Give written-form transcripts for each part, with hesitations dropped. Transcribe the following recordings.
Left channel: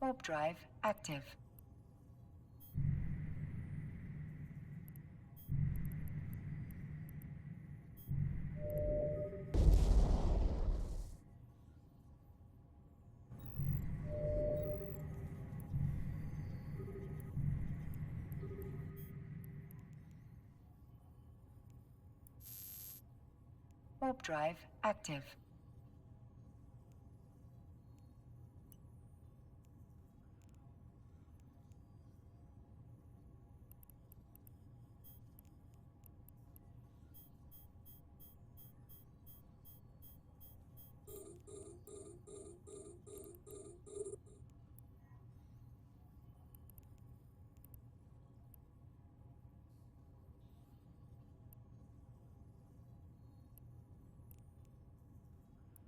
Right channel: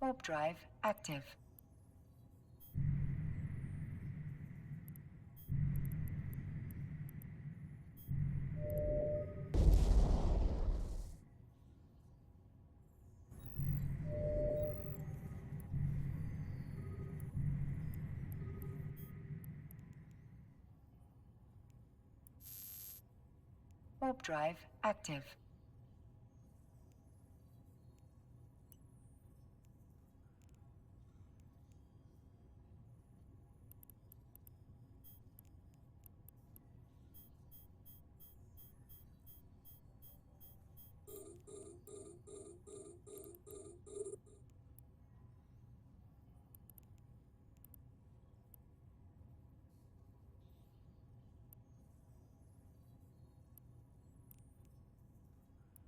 Warp drive active. Warp drive active.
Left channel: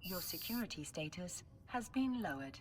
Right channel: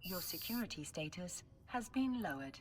Your security status has been lowered.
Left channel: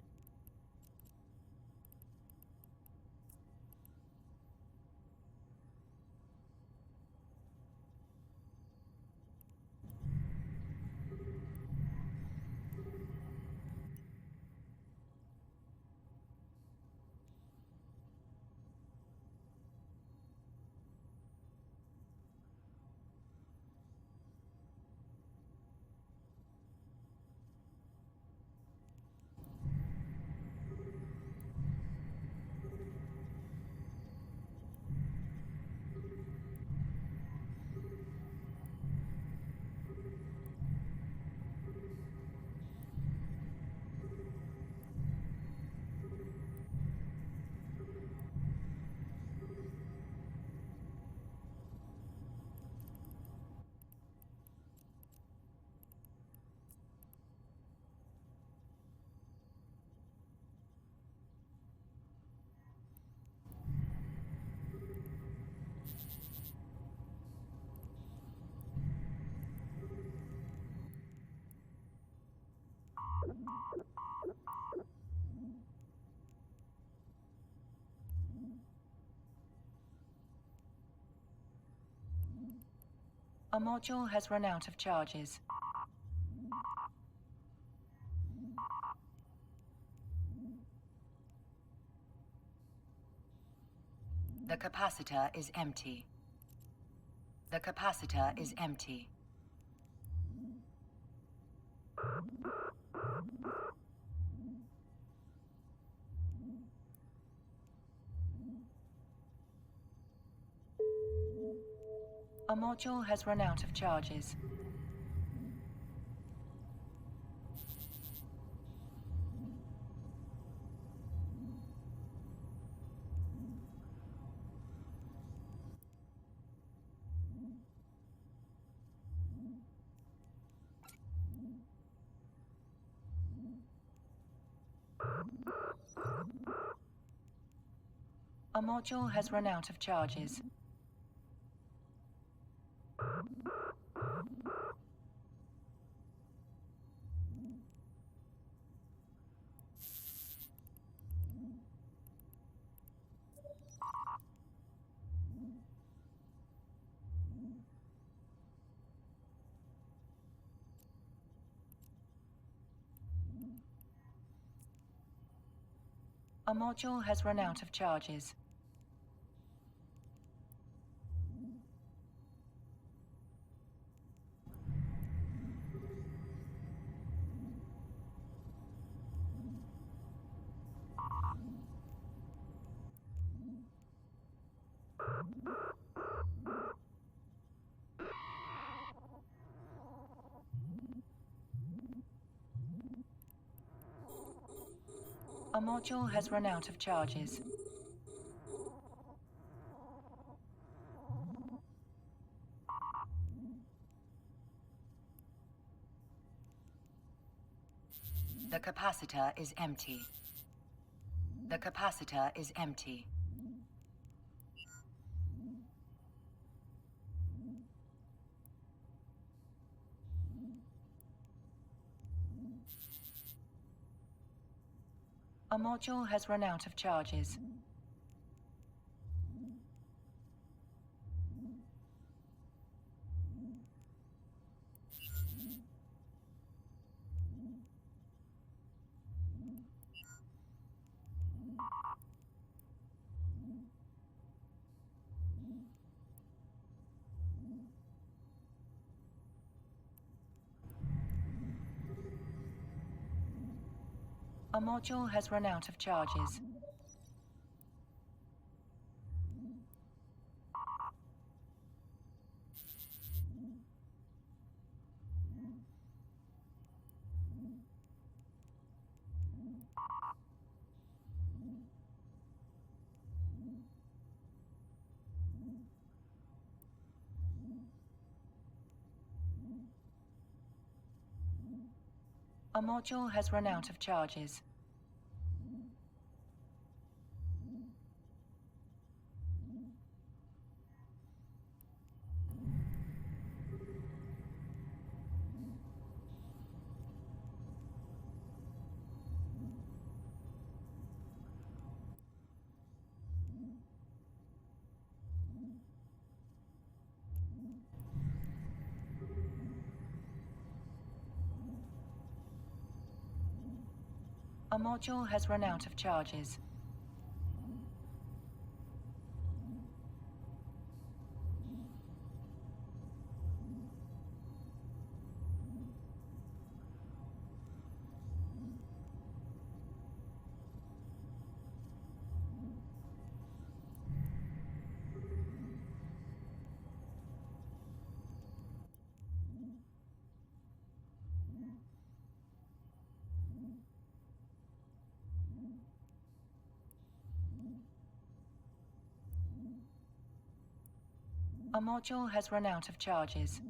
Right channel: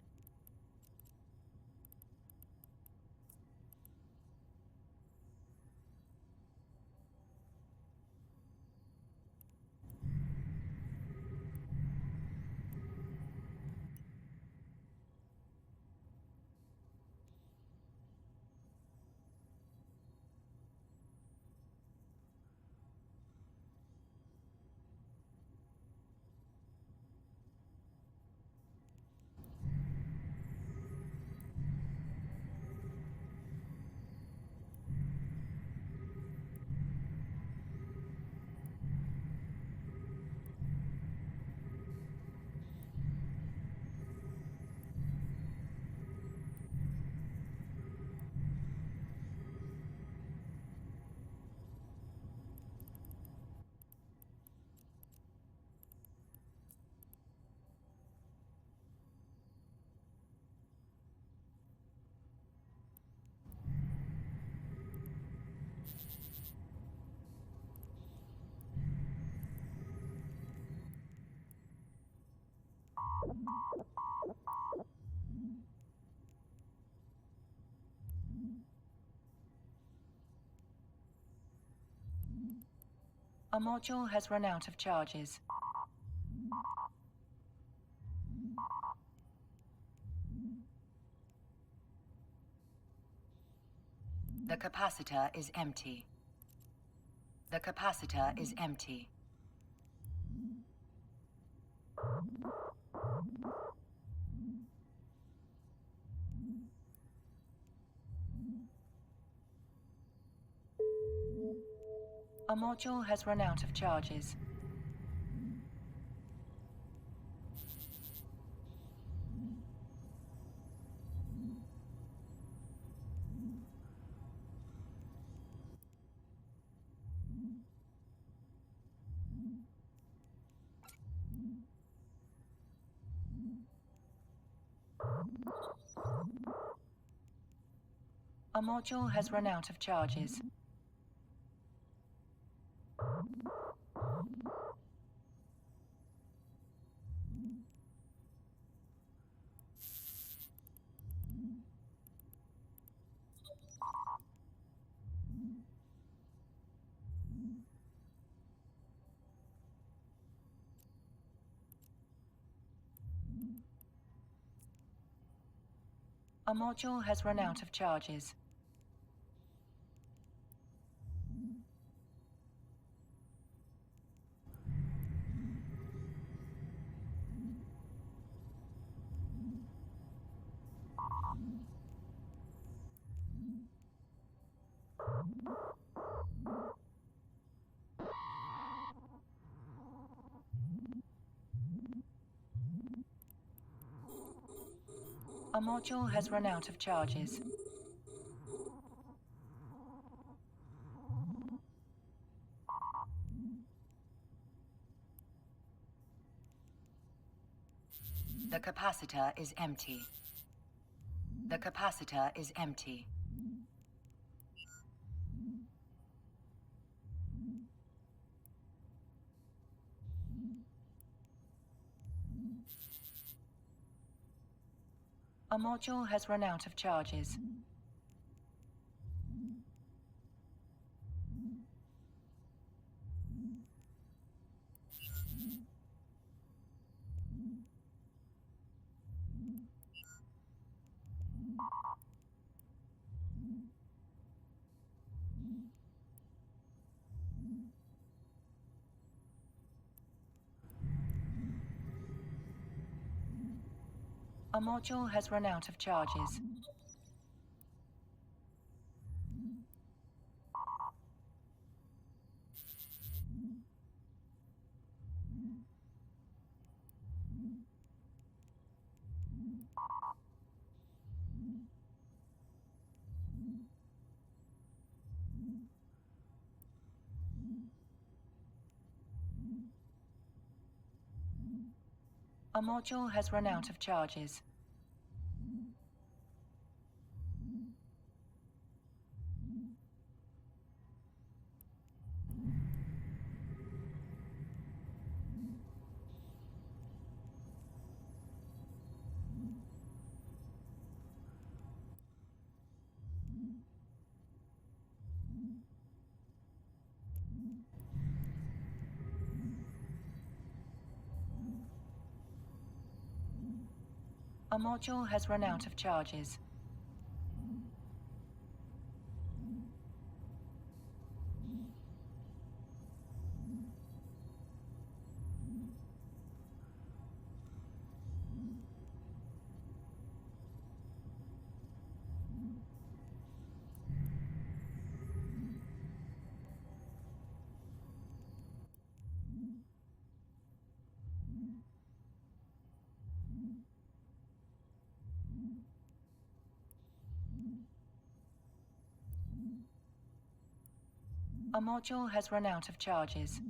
A module has run out of charges. The capacitor is empty. The capacitor is empty. A module has run out of charges. A module has run out of charges. A module has run out of charges. A module has run out of charges. The capacitor is empty. The capacitor is empty. A module has run out of charges. A module has run out of charges. A module has run out of charges. A module has run out of charges. A module has run out of charges.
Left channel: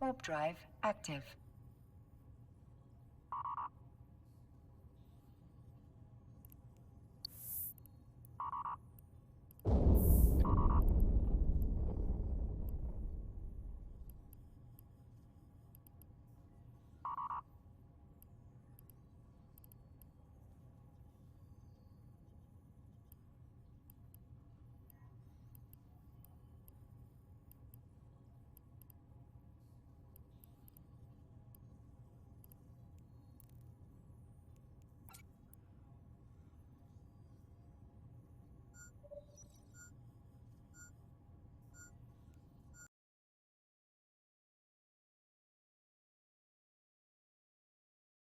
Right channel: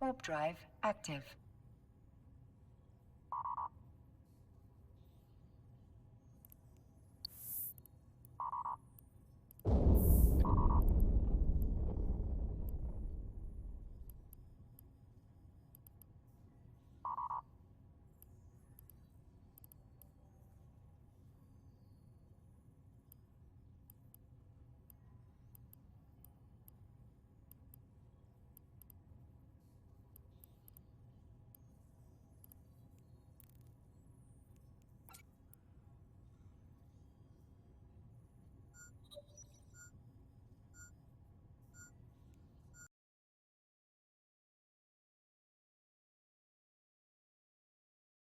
Warp drive active.